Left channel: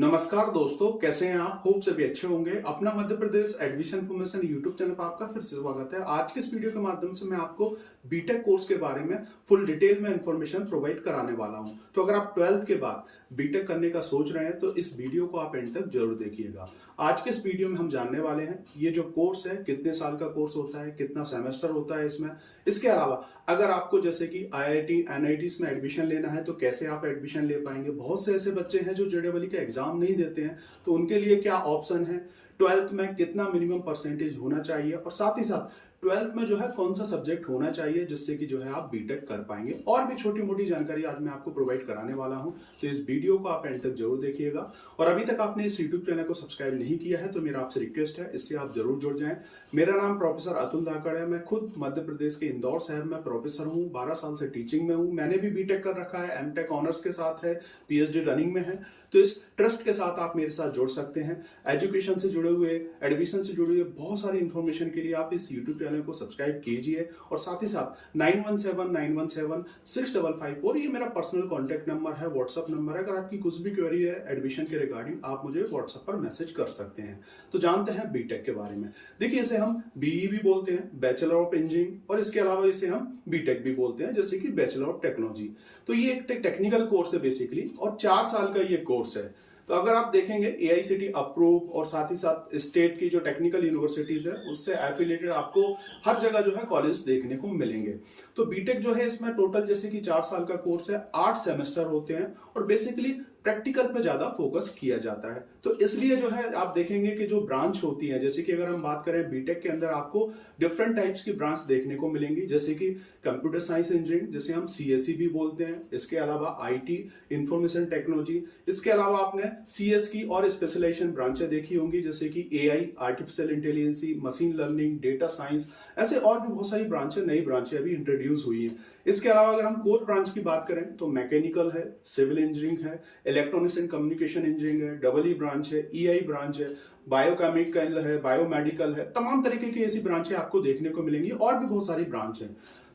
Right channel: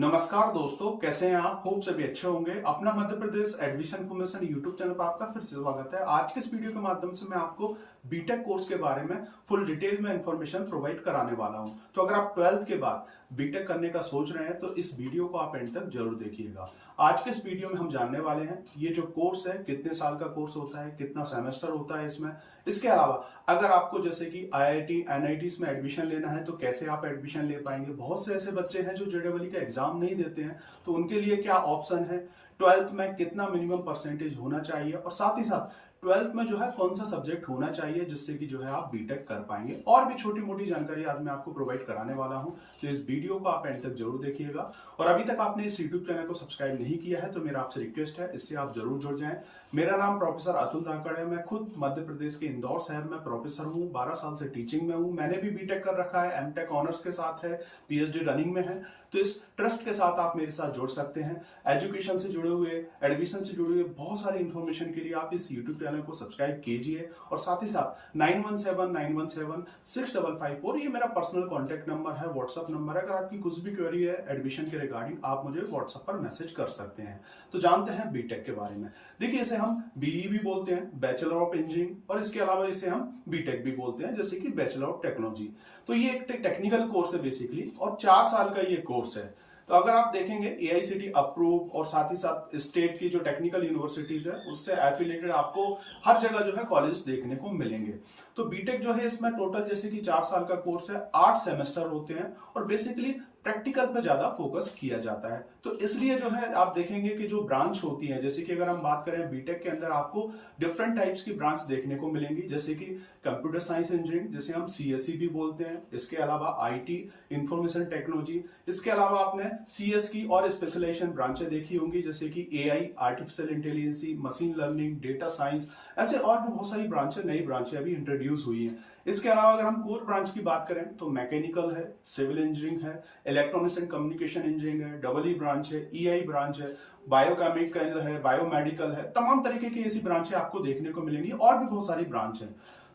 नमस्कार दोस्तों, कैसे हैं आप? होप सभी अच्छे होंगे। अपना Madhya Pradesh admission information YouTube channel पर आपका फिर से स्वागत है। आज के इस वीडियो के माध्यम से मैं आपको बीटेक कोर्स के बारे में फुल डिटेल में इंफॉर्मेशन प्रोवाइड कराने वाला हूं। तो अगर आप 12th के बाद बीटेक करने का सोच रहे हैं तो इस वीडियो को आप एंड तक जरूर देखिएगा। आज के इस वीडियो में हम जानने वाले हैं ये जो कोर्स है कितने साल का कोर्स होता है, कितना सेमेस्टर होता है इसमें। इसके अलावा अगर आपको जैसे कि IIT NITs में एडमिशन लेना है तो कैसे आप एडमिशन ले पाएंगे। बहुत से ऐसे बच्चे हैं जो JEE का एग्जाम नहीं देते हैं, तो उनके लिए क्या ऑप्शन है, 12th में कितना मिनिमम परसेंटेज होना चाहिए और साथ ही साथ 12th में जो है कौन सा सब्जेक्ट होना चाहिए जिससे कि जो है आप बीटेक कर पाएंगे। और भी छोटी मोटी जानकारी आज मैं आपको प्रोवाइड कराने वाला हूं, तो इस वीडियो को आप एंड तक जरूर देखिएगा। और अभी तक आपने इस यूट्यूब चैनल को सब्सक्राइब नहीं किया है तो मेरा आपसे रिक्वेस्ट है, इससे आप जरूर जुड़ जाएं। मेरा नाम प्रोफेसर अतुल धाकड़ है। मैं खुद मध्य प्रदेश के इंदौर शहर में प्रोफेसर हूँ। 12 साल से टीचिंग में हूँ। मैंने भी बीटेक कर रखा है, एमटेक ऑनर्स के साथ है, PhD रनिंग में है। तो इस ट्रस्ट के साथ आप मेरे साथ जुड़ सकते हैं। एजुकेशन से जुड़े हुए, एडमिशन से जुड़े हुए बहुत सारी इंफॉर्मेशन के लिए आप इस यूट्यूब चैनल को सब्सक्राइब कीजिए। और साथ ही साथ 9179176554 ये मेरा पर्सनल कॉन्टेक्ट नंबर है, व्हाट्सअप नंबर है। अगर आपकी कुछ भी क्वेरी है एडमिशन के रिगार्डिंग, आप मुझे व्हाट्सअप पर मैसेज कर सकते हैं। तो जानते हैं बीटेक के बारे में। देखिए, इसे हम BE भी बोलते हैं, बैचलर ऑफ इंजीनियरिंग, और इसके अलावा इसे हम बीटेक भी बोलते हैं, जैसे कि बैचलर ऑफ टेक्नोलॉजी। तो ये एक टेक्निकल कोर्स है बेसिकली, और 4 साल का ये कोर्स है। तो अगर आप देखेंगे AICTE अप्रूव और साथ ही साथ स्टेट की जो टेक्निकल यूनिवर्सिटीज है उससे एफिलिएटेड आपको हर जगह जो है कॉलेज देखने को मिलेंगे। तो बीटेक जो है इसमें टोटल जैसे कि 4 साल का कोर्स है, 8 सेमेस्टर होते हैं और बेसिकली प्रैक्टिकल पे ज्यादा फोकस किया जाता है। तो इसलिए जो है आप देखेंगे कि जो ब्रांच होती है, जैसे कि अगर हम बात करें बीटेक के अंदर आपको डिफरेंट टाइप्स की ब्रांच देखने को मिलेंगी, जैसे कि कंप्यूटर साइंस इंजीनियरिंग जिसे हम CSE भी बोलते हैं, इसके अलावा IT इंफॉर्मेशन टेक्नोलॉजी, इसके अलावा आपने CS की और स्पेशलाइजेशन ब्रांचें देखी होंगी जैसे कि AI artificial intelligence, machine learning, data science, ऐसे और भी बहुत सारी ब्रांचें, नई ब्रांचें अभी इंट्रोड्यूस हुई हैं। इसके अलावा अगर हम कोर ब्रांच की बात करें तो मैकेनिकल है, सिविल इंजीनियरिंग है, इलेक्ट्रॉनिक्स एंड कम्युनिकेशन इंजीनियरिंग है, EE ब्रांच है, EI ब्रांच है, बायोकेमिकल है, बायोमेडिकल है, तमाम तरीके की ऐसी ब्रांचें आपको देखने को मिलेंगी और भी बहुत सारी ब्रांच है।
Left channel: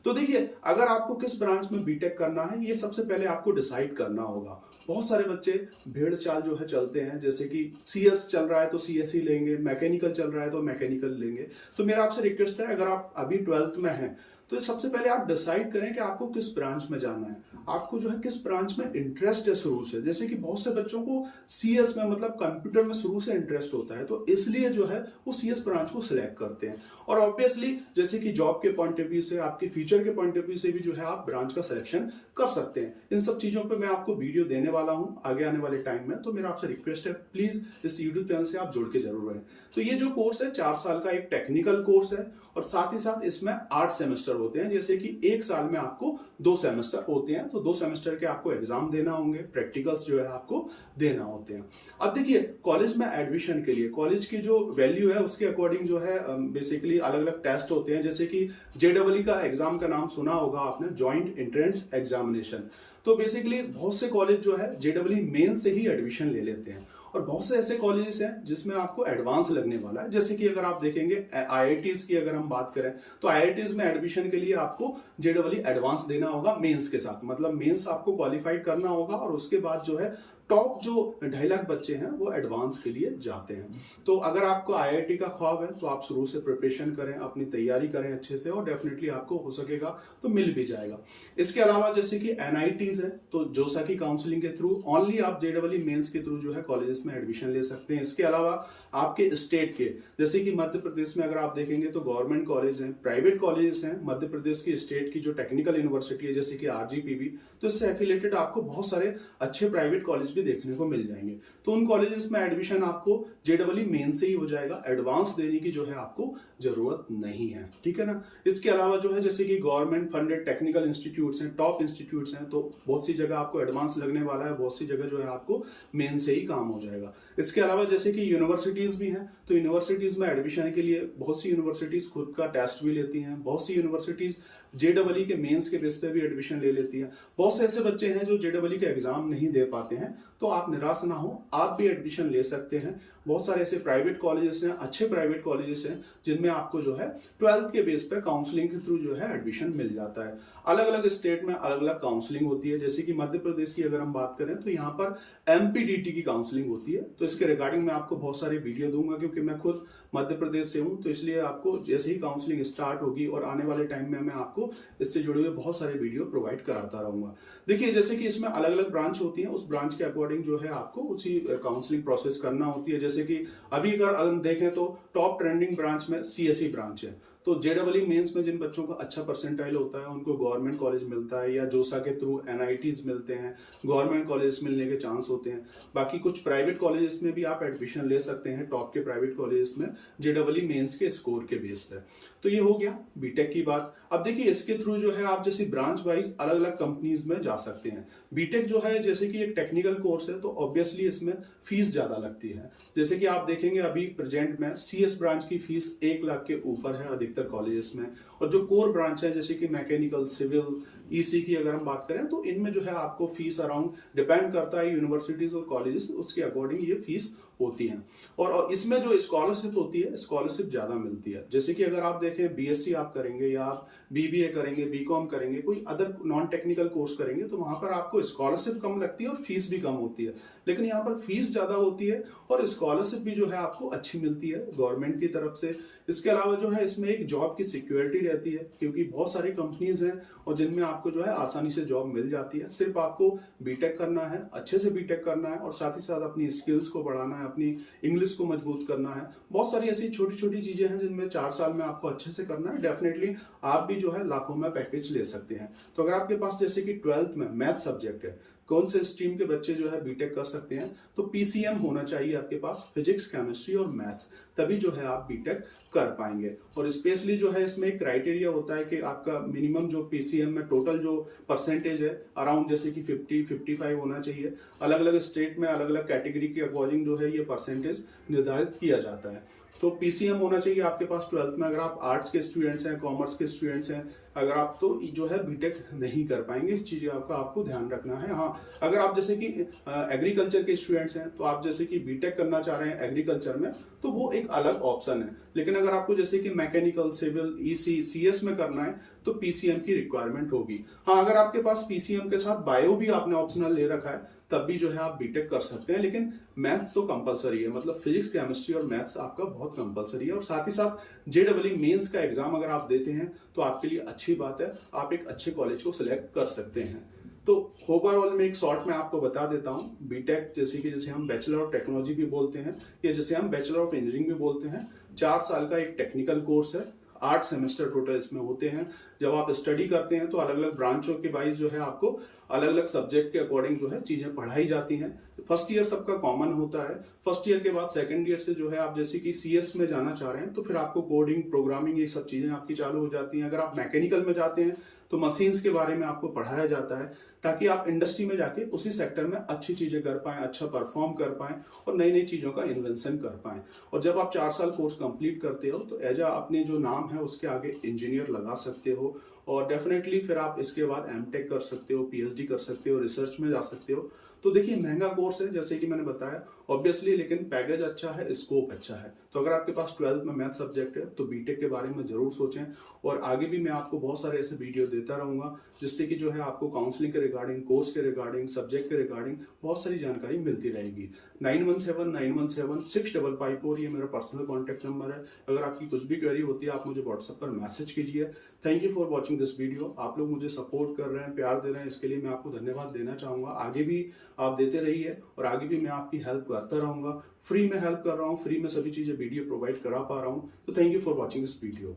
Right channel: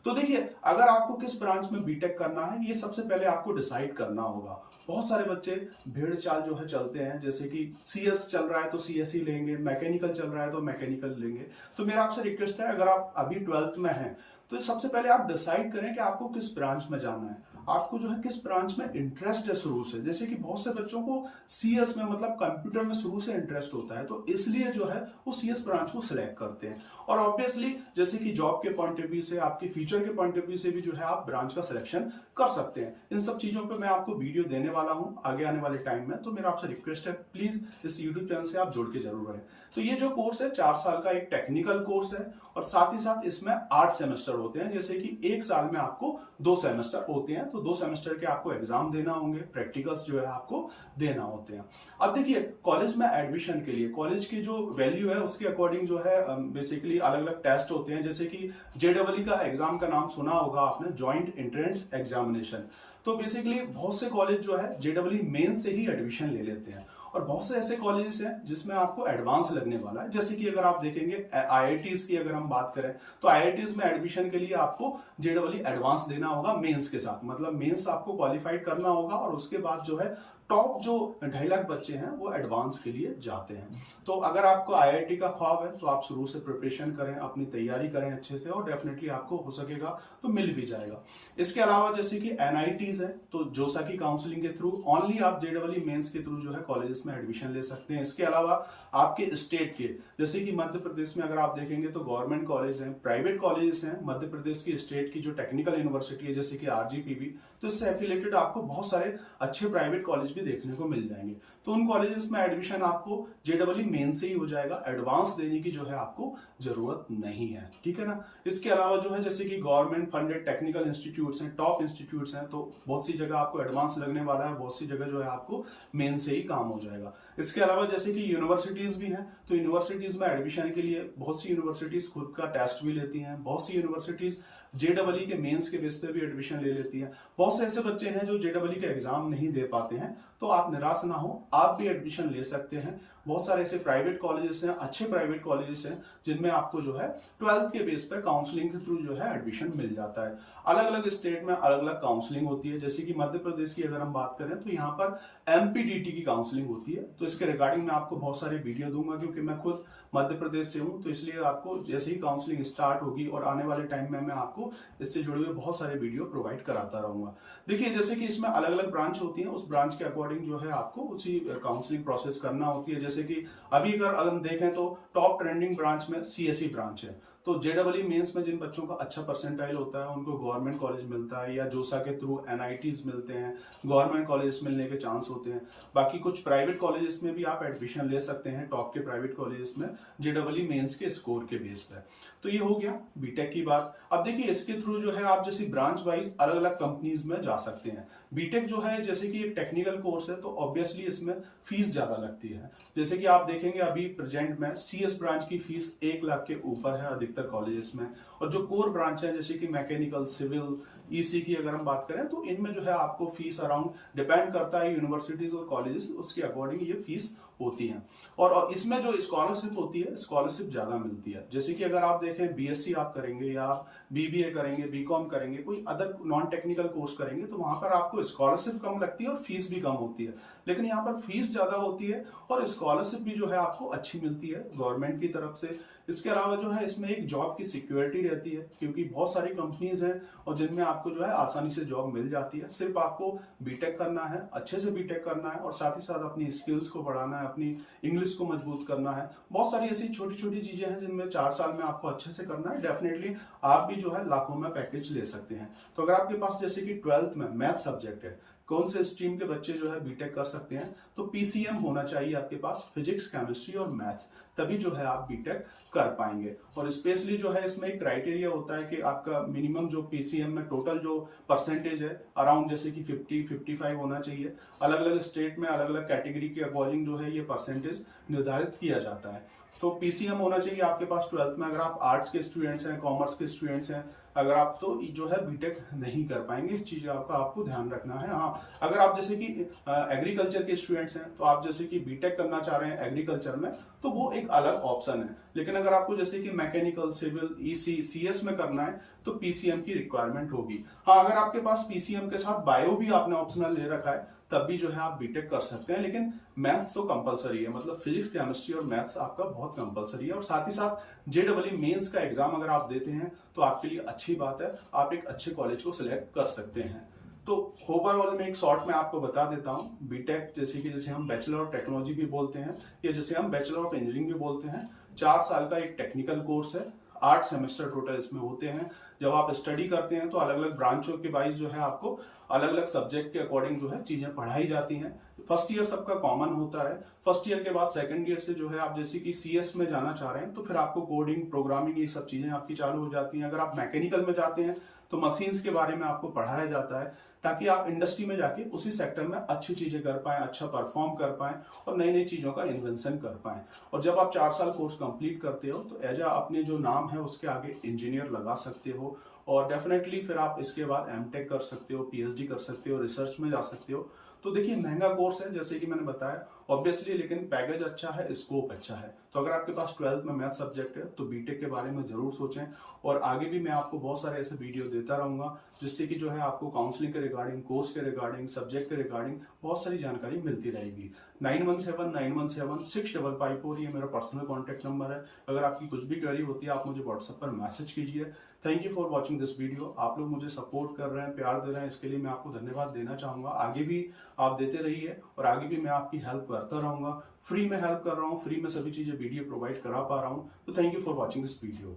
तो देखिए, अगर आपको किस ब्रांच में बीटेक करना है ये सबसे पहले आपको डिसाइड करना होगा। बहुत सारे बच्चे भेड़ चाल जो है चलते हैं, जैसे कि CS चल रहा है तो CSE लेंगे, मैकेनिकल चल रहा है तो मैकेनिकल लेंगे। तो मेरा आपसे रिक्वेस्ट है, अगर आप अभी 12th में हैं तो सबसे पहले आप डिसाइड करें कि आपको किस ब्रांच में जाना है, आपको जो है किस ब्रांच में इंटरेस्ट है शुरू से। जैसे कि बहुत से बच्चों को CS में मतलब कंप्यूटर में शुरू से इंटरेस्ट होता है, तो इसलिए जो है वो CS ब्रांच को सिलेक्ट करते हैं। और ऑब्वियसली जैसे कि जॉब के पॉइंट ऑफ व्यू से, आपके फ्यूचर के पॉइंट ऑफ व्यू से भी जो है आप ब्रांच का सिलेक्शन कर सकते हैं। इन सब चीजों पर मैं आपको वीडियो देने वाला हूं आगे आने वाले टाइम में। तो मेरा आपसे रिक्वेस्ट है, प्लीज इस यूट्यूब चैनल से आप जुड़ के जरूर रहें। तो ये जो कोर्स है 4 साल का एक टेक्निकल कोर्स है और साथ ही साथ इसमें 8 सेमेस्टर होते हैं, जैसे कि एक साल में आपको 2 सेमेस्टर होते हैं। तो 2 सेमेस्टर के आपको एग्जाम देना होंगे, प्रैक्टिकल्स जो है आपको देना होते हैं। अब देखिए, कॉलेज में एडमिशन के लिए कॉलेज की जो वैल्यू है उसके अकॉर्डिंग जो है बेसिकली अलग अलग टेस्ट होते हैं। जैसे कि JEE का एग्जाम का नाम सुना होगा आपने, ज्वाइंट एंट्रेंस एग्जामिनेशन। तो बेसिकली बहुत से कॉलेज जो है JEE मेन से ही एडमिशन ले लेते हैं और बहुत से ऐसे कॉलेजेस हैं जिसमें आपको एडवांस लगने वाला है। जैसे कि अगर आप देखेंगे IITs की अगर हम बात करें तो IITs में एडमिशन के लिए आपको JEE एडवांस देना होगा मेंस के साथ, मतलब मेंस आपको क्वालिफाइड करना होगा और उसके बाद जो है टॉप जो 2.5 लाख बच्चे हैं वो एडवांस के लिए जाते हैं। तो अगर आपको IIT का ख्वाब है तो आप शुरू से प्रिपरेशन करें, अपनी तैयारी करें अच्छे से और डेफिनेटली आपको हो सकेगा तो मिल भी जाएगा। इसके अलावा जैसे कि NITs है तो जोसा की काउंसलिंग के थ्रू ओनली आप JEE मेंस के थ्रू जो है कॉलेजेस में एडमिशन ले सकते हैं। इसके अलावा आपके स्टेट के, जैसे कि मध्य प्रदेश में अगर आप देखेंगे तो गवर्नमेंट कॉलेज हैं, प्राइवेट कॉलेजेस हैं। मध्य प्रदेश की स्टेट की जो टेक्निकल यूनिवर्सिटी है जैसे कि RGPV, तो इससे एफिलेटेड आपको बहुत सारे अच्छे प्राइवेट कॉलेज भी देखने को मिल जाएंगे। तो उन कॉलेजेस में एडमिशन आपको JEE मेन से ही हो जाएगा, एडवांस देने की जो है आपको जरूरत नहीं है, ठीक है ना। इसके अलावा जो है जैसे कि गवर्नमेंट फंडेड टेक्निकल इंस्टीट्यूट्स हैं, टॉप इंस्टीट्यूट्स हैं, तो बहुत सी जगह आपको एडवांस लगने वाला है, बहुत सी जगह जो है आपको मेन से ही काम हो जाएगा। इसके अलावा जैसे कि यूनिवर्सिटीज भी हैं, तो यूनिवर्सिटीज में एडमिशन के लिए बहुत सी यूनिवर्सिटीज खुद का टेस्ट भी लेती हैं, बहुत सी यूनिवर्सिटीज JEE के मेंस के बेस पे भी एडमिशन ले लेती है। बहुत से ऐसे बच्चे हैं जो JEE का एग्जाम नहीं दे पाते हैं, तो आप निराश ना हो, आप भी एडमिशन ले सकते हैं। बहुत सारे ऐसे प्राइवेट कॉलेजेस हैं, अच्छे प्राइवेट कॉलेजेस हैं, जिनमें आपको जो है 12th के बेस पे काउंसलिंग के थ्रू जो है एडमिशन मिल जाता है। अलग अलग स्टेट में अलग अलग काउंसलिंग होती है। जैसे कि मध्य प्रदेश की अगर हम बात करें तो यहाँ पर MPDT की काउंसलिंग होती है। तो इसके रिगार्डिंग मैं आपको बहुत सारे वीडियो दूंगा, क्योंकि मैं खुद मध्य प्रदेश से हूँ, तो इसलिए आपको जैसे ही काउंसलिंग स्टार्ट होगी और आने वाले टाइम में मैं आपको इससे जुड़े हुए बहुत सारे वीडियो प्रोवाइड कराता रहूंगा। देखिए, जैसे कि इसमें अलग अलग ब्रांच होती है, उस ब्रांच के अकॉर्डिंग जो है आपको उसी काउंसलिंग प्रोसेस करना होती है। जैसे कि अभी अगर हम देखें तो टॉप ट्रेंडिंग ब्रांच में CSE ब्रांच है। तो JEE मेंस में जिन बच्चों का अच्छा परसेंटाइल होता है उनको गवर्नमेंट कॉलेज मिलता है, या जोसा के थ्रू NITs मिलते हैं, गवर्नमेंट कॉलेज मिलने के चांस होते हैं। बाकी कुछ प्राइवेट कॉलेजेस में भी आप एडमिशन ले सकते हैं, टॉप के प्राइवेट कॉलेजेस में JEE मेंस के स्कोर के बेस पे। तो ये हो गया बीटेक की बात। अब देखिए, इसके थ्रू जो है आप जैसे ब्रांच वाइज अलग अलग कंपनीज में जा सकते हैं। बीटेक जो है जैसे कि एक टेक्निकल कोर्स है, तो ऑब्वियसली इसमें फीस ज्यादा लगती है। जैसे कि आप देखेंगे अभी प्रेजेंट में CS ब्रांच की फीस 1 लाख के ऊपर है अधिकतर कॉलेजेस में, और जो कोर ब्रांच है जैसे कि मैकेनिकल, सिविल, EC की अगर हम बात करें तो इनमें जो है आपको फीस अराउंड डिपेंड करता है यूनिवर्सिटीज और कॉलेजेस, उसके अकॉर्डिंग ये फीस होती हैं। और इसमें जो स्कॉलरशिप होती है, स्कॉलरशिप ज्यादा मिलती है। जैसे कि अगर आप देखें BSc आप करेंगे, या आप BBA करेंगे, BCom करेंगे, कोई अदर नॉन टेक्निकल कोर्स करेंगे, तो वहां पर आपको स्कॉलरशिप कम लगती है और फीस भी कम होती है। लेकिन यहाँ पर फीस ज्यादा होती है और स्कॉलरशिप भी जो है आपको अच्छी मिलती है गवर्नमेंट की तरफ से। इसके अलावा जो है इसमें एक जॉब की सिक्योरिटी रहती है, क्योंकि बहुत सारी कंपनीज हैं और जिनमें आपको जो है आसानी से जॉब मिल जाती है। सिर्फ आपको बीटेक करना है, अच्छे से बीटेक करना है, और साथ ही साथ अपनी स्किल्स को बढ़ाना है, अपनी इंग्लिश को मजबूत करना है। बहुत सारी ऐसी छोटी छोटी चीजें हैं जिनमें 4 साल में आपको अच्छे से करना है। डेफिनेटली आप भी जो है लाखों में पैकेज ले सकते हैं। तो अगर आपके पास जैसे कि 12th में मैथ सब्जेक्ट है, कौन से स्ट्रीम के बच्चे जो है बीटेक कर सकते हैं, तो PCM होना चाहिए आपके पास, फिजिक्स, केमिस्ट्री और मैथ्स, तभी जो है आप बीटेक कर पाएंगे। और स्पेशली जो है इसमें एक क्राइटेरिया होता है कि आपका मिनिमम जो PCM में टोटल जो परसेंटेज है अराउंड जैसे कि 50-55 होना चाहिए। अलग अलग स्टेट में अलग अलग कैटेगरी के अकॉर्डिंग जो है ये परसेंटेज निर्धारित किया जाता है। तो PCM होना चाहिए आपके पास 12th में। अगर आप आर्ट्स के स्टूडेंट्स हैं, कॉमर्स के स्टूडेंट्स हैं, अगर आप तो जो है बीटेक नहीं कर पाएंगे। इस चीज का आपको ध्यान रखना है। हाँ, अगर आप जैसे कि एग्रीकल्चर के स्टूडेंट्स हैं, तो आप जैसे कि बीटेक करना चाह रहे हैं एग्रीकल्चर में, तो वो एक अलग ऑप्शन है। लेकिन अगर आपको जैसे कि मैकेनिकल, सिविल, EC, CS में करना है, तो PCM की रिक्वायरमेंट होगी। हाँ, अगर आपके पास PCM के साथ बायो भी आपने ऑप्शनल ले रखा है, तब भी जो है आप बीटेक कर सकते हैं। लेकिन मैथ्स तो कंपलसरी है, मतलब फिजिक्स, केमिस्ट्री और मैथ्स आपका बहुत कंपलसरी है। और साथ ही साथ JEE मेंस का एग्जाम अगर आप देते हैं तो आपके लिए अच्छी बात है, आप एक अच्छे कॉलेज को सिलेक्ट कर सकते हैं। तो ओवरऑल में एक शॉर्ट में आपको बता देता हूं, बीटेक जैसे हम बैचलर ऑफ टेक्नोलॉजी भी बोलते हैं, या जैसे हम बैचलर ऑफ इंजीनियरिंग भी बोलते हैं, 4 साल का एक टेक्निकल कोर्स है। 8 सेमेस्टर टोटल इसमें होते हैं। जब आप स्टडी करते हैं तो अलग अलग ब्रांचों के वाइज जो है आपको अलग अलग सब्जेक्ट के अकॉर्डिंग जो है चीजें पढ़ाई जाती हैं। फर्स्ट ईयर सबका कॉमन होता है। फर्स्ट ईयर के बाद सेकंड ईयर से जो है आप जैसे कि CS में जाना चाह रहे हैं, तो फिर आपको कोडिंग, प्रोग्रामिंग, ये सब चीजें आपकी चालू हो जाती हैं। अगर आप मैकेनिकल में जाते हैं तो मशीन्स के बारे में आपको पढ़ाया जाता है, ताकि आप इंडस्ट्री में जाके उसी सेक्टर में अच्छी चीजें कर पाएं, अच्छा परफॉर्म कर पाएं और नई नई चीजों का इन्वेंशन कर पाएं। और जब आप 4 साल कोर्स कंप्लीट करते हो तो एज अपने जो नाम है उसके आगे इंजीनियर लगा सकते हो। और डेफिनेटली फिर आप इसके बाद MTech कर सकते हो, PhD कर सकते हो, रिसर्च में जा सकते हो। तो देखिए, महंगा कोर्स है जैसे कि मैंने बताया ऑब्वियसली, लेकिन पैकेज अच्छा है, स्कोप अच्छा है। तो अगर आपके पास 12th में मैथ सब्जेक्ट है तो बीटेक के बारे में जरूर सोचें। और आगे भी मैं आपको बहुत सारे ऐसे वीडियो देता रहूंगा, जिससे कि जो है आपको काउंसलिंग के रिगार्डिंग, कोर्स के रिगार्डिंग, सब्जेक्ट के रिगार्डिंग बहुत सारी जानकारी मिलती रहेगी। 9179176554 ये मेरा पर्सनल कॉन्टैक्ट नंबर है। अगर आपकी कुछ भी क्वेरी होती है आप मुझे व्हाट्सएप पर मैसेज कीजिए। Thank you for watching this video. आप लोग मुझे सपोर्ट कर रहे हैं, प्यार दे रहे हैं, इसके लिए मैं आपको धन्यवाद देना चाहूंगा। आगे भी आप देते रहिए और आगे भी मैं आपकी हेल्प करता रहूंगा। फ्री में हेल्प कर रहा हूँ, फ्री में सभी चीजें वीडियो प्रोवाइड करा पा रहा हूँ। तो thank you for watching this video.